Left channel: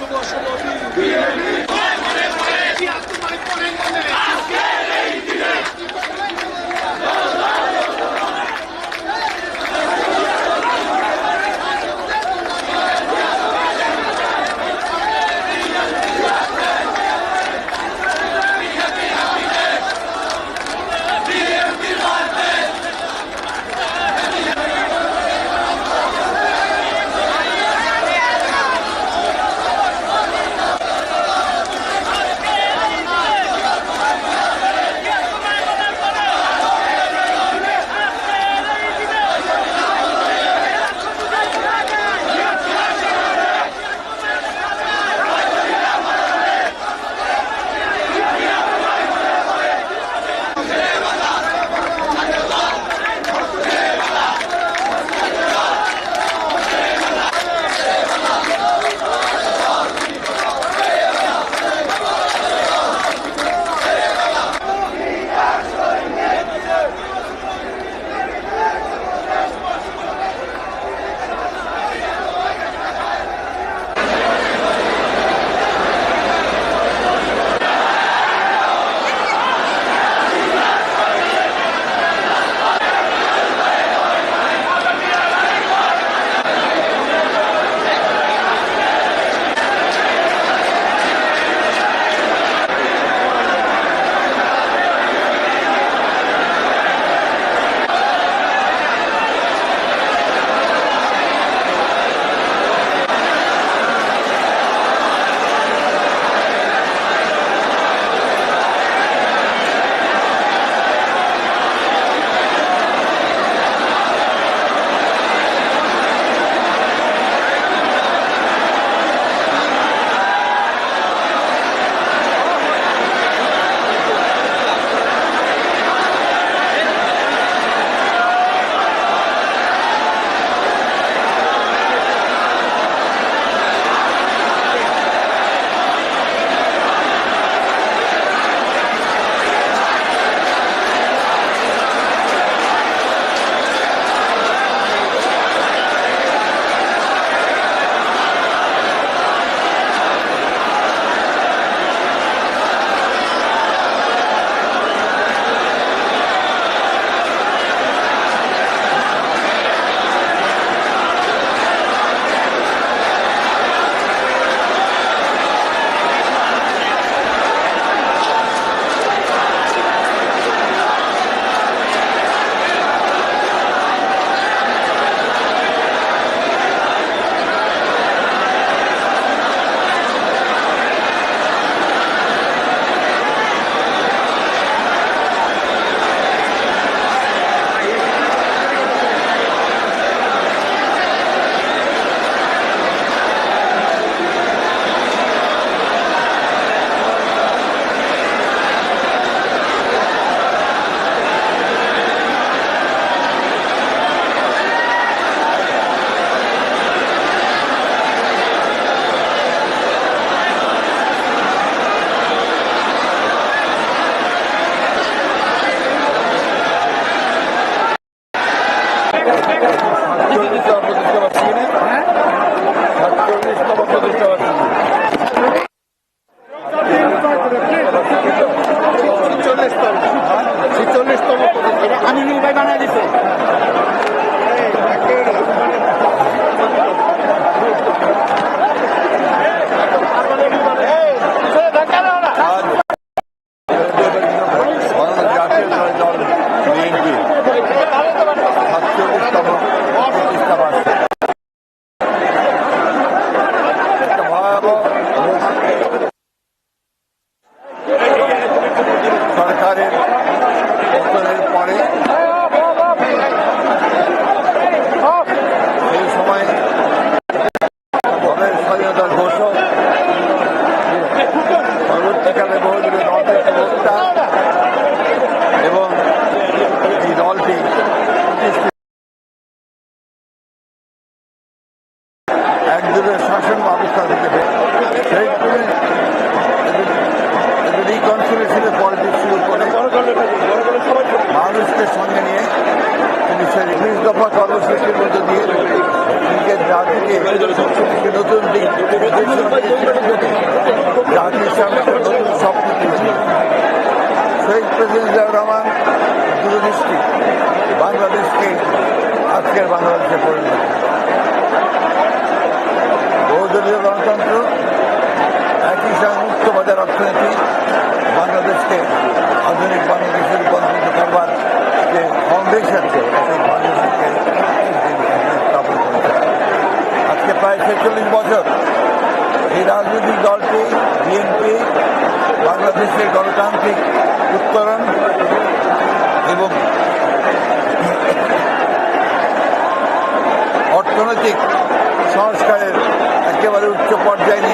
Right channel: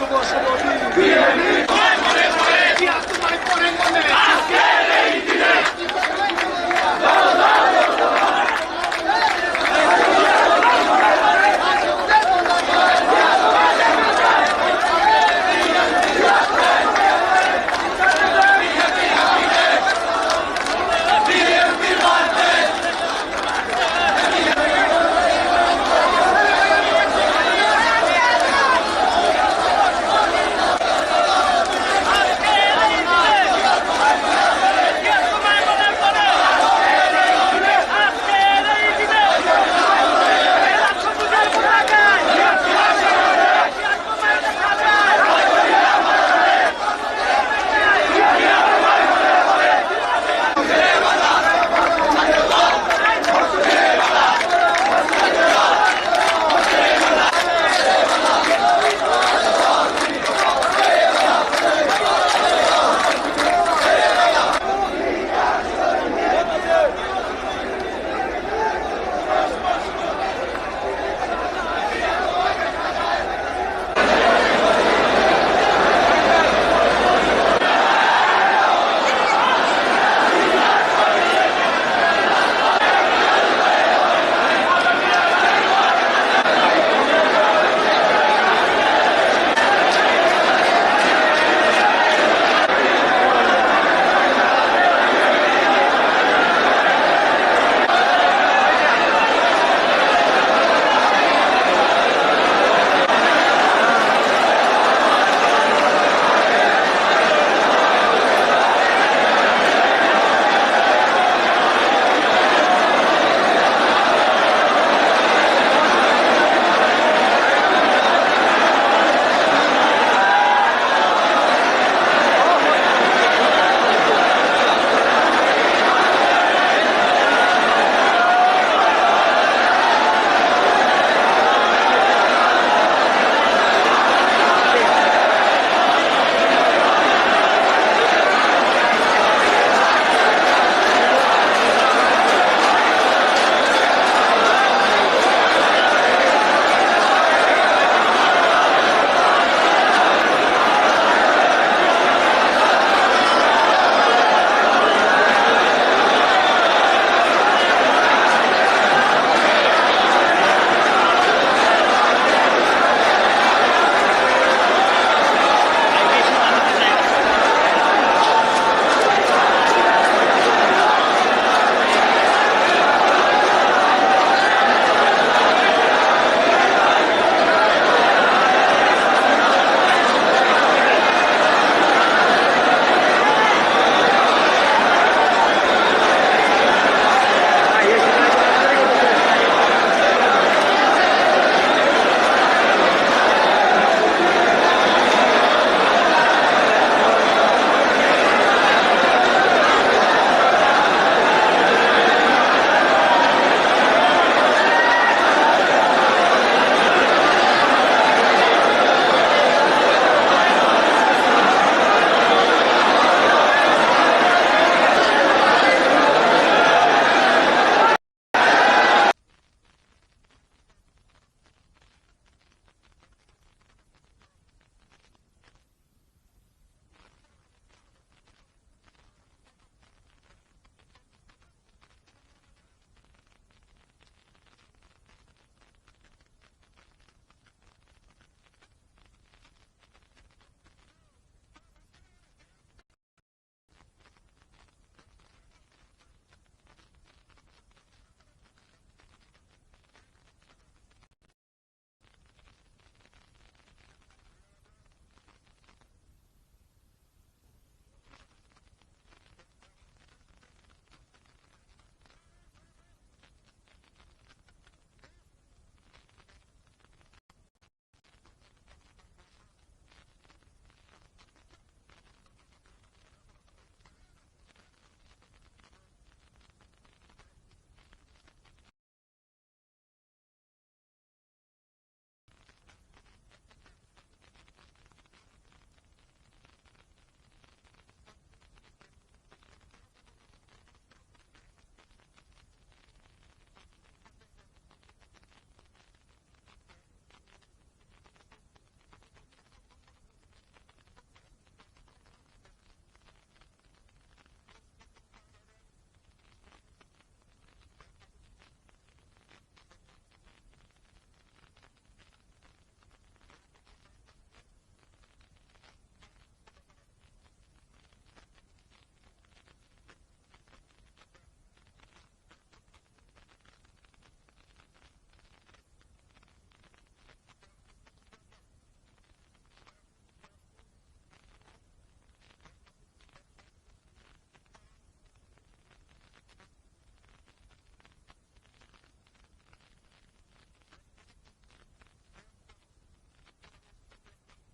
Chegou, chegou. একজনের শাসন ব্যবস্থা থেকে সেই তুমি রিকনসুলেশনের শুরু করে মানুষকে সঙ্গে নিয়ে তিনি সেই উনিশ দফা কর্মসূচির মধ্যে দিয়ে নিজের জাতিকে নতুন দিক জাতির সামনে নতুন স্বপ্ন শহীদ প্রেসিডেন্ট জিয়াউর রহমান দূরদৃষ্টি বাংলাদেশকে আজকের বাংলাদেশে পরিণত বহুদলীয় গণতন্ত্র, একই সঙ্গে মুক্ত বাজার অর্থনীতি, বাংলাদেশকে আধুনিক বাংলাদেশে রূপান্তরিত করবার যে ফাউন্ডেশন সেই আজকে প্রায় ছেচল্লিশ বছর এই রাজনৈতিক দলটি, বিএনপি, বাংলাদেশের গণতান্ত্রিক উত্তরণ এবং অর্থনৈতিক উচ্চ পর্যায়ে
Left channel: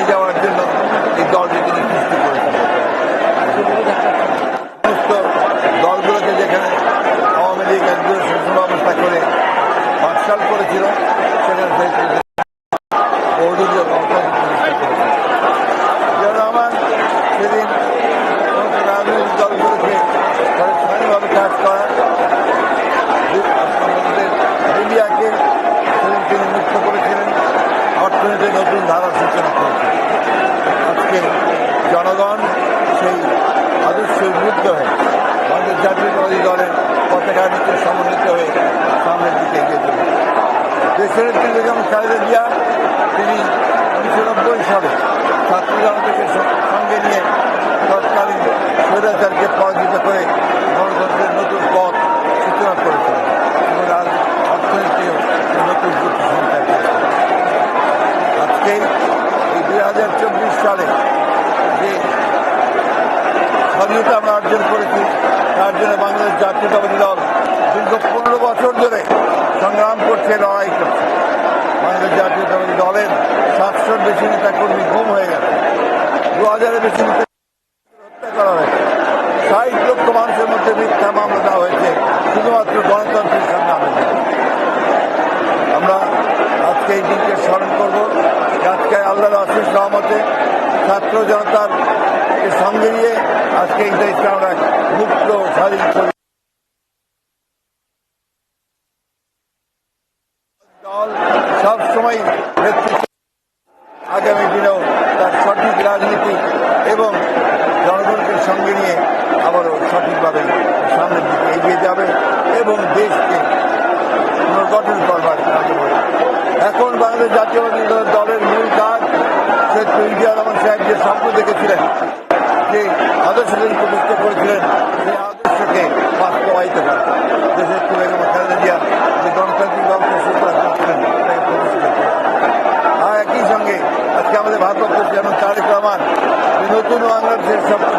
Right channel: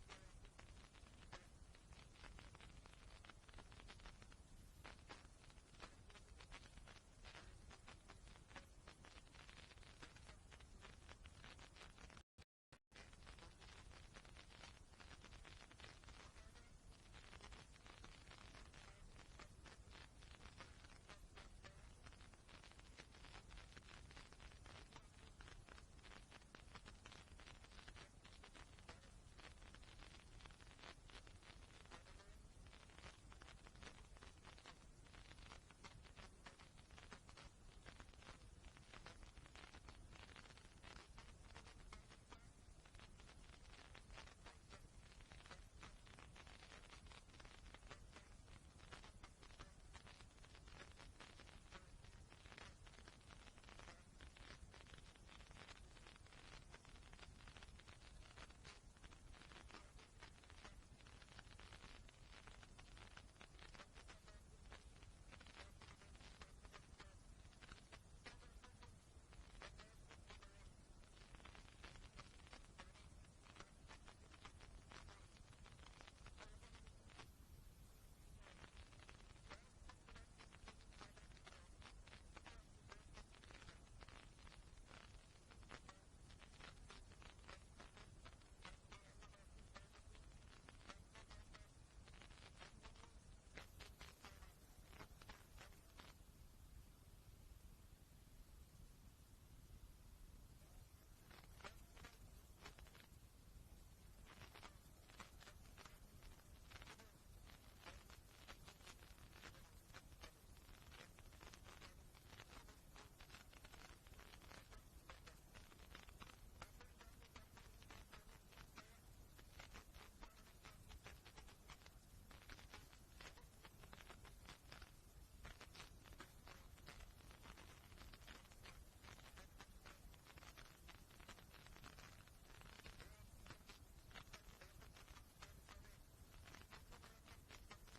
ধারার সূচনা করেছেন আজকে জনগণ সেই আদর্শ উদ্বুদ্ধ হয়ে আমাদের জাতীয়তাবাদী দলের পতাকা নিচে সমন্বিত হয়ে সামনের দিকে এগিয়ে দেশের কিন্তু যেমন খালেদা জিয়া, তিনি উনিশশো নব্বই সালে ছাত্র জনতাকে সঙ্গে নিয়ে তৎকালীন স্বৈরাচারকে পরাজিত করে গণতন্ত্রের নতুন পথ সূচনা করেছিলেন এবং আজ অর্থনীতিও নতুন গতি সঞ্চার করেছে আজকে এই দুই হাজার চব্বিশ সালে যে স্বাধীনতা আমরা অর্জন করেছি, তার জন্য বাংলাদেশ জাতীয়তাবাদী দল দীর্ঘ পনেরো বছর ধরে সংগ্রাম করছে, লড়াই করছে। বাংলাদেশ জাতীয়তাবাদী দলের সাতশোর বেশি নেতা কর্মী গুম হয়ে গেছে। দু হাজারের বেশি নেতা হত্যা করা হয়েছে। ষাট লক্ষ মানুষের মধ্যে মিথ্যা মামলা দেওয়া হয়েছে শুধুমাত্র গণতন্ত্রের সংগ্রামের জন্য আমরা আজকে এই দিনকে স্মরণ করব আজকে আল্লাহর আশিস রহমতে ছাত্র জনতার কে সঙ্গে নিয়ে আজকে এই দেশকে আমরা মুক্ত স্বাধীন করি দল সবসময় নেতৃত্ব আগামী দিনেও তার সঠিক রাজনীতি এবং জনগণকে সঙ্গে নিয়ে আবারও সঠিকভাবে সামনের দিকে এগিয়ে যাবে এবং দেশকে পুনর্গঠন করবার। এখন বাংলাদেশ জাতীয়বাদী দল- দলের মূল কাজ সে ইন্ডিয়া রহমান সাহেব যে স্বপ্ন দেখেছিলেন আদর্শ তিনি প্রতিষ্ঠা করেছিলেন সেই আদর্শকে বাস্তবায়িত করা দেশের তুলে খালেদা জিয়া যে গণতান্ত্রিক ব্যবস্থা সূচনা করেছিলেন সেটাকে প্রতিষ্ঠিত। আর একই সঙ্গে আজকে আমাদের ভারতবর্ষ যেমন তারেক রহমান নতুন বাংলাদেশের স্বপ্ন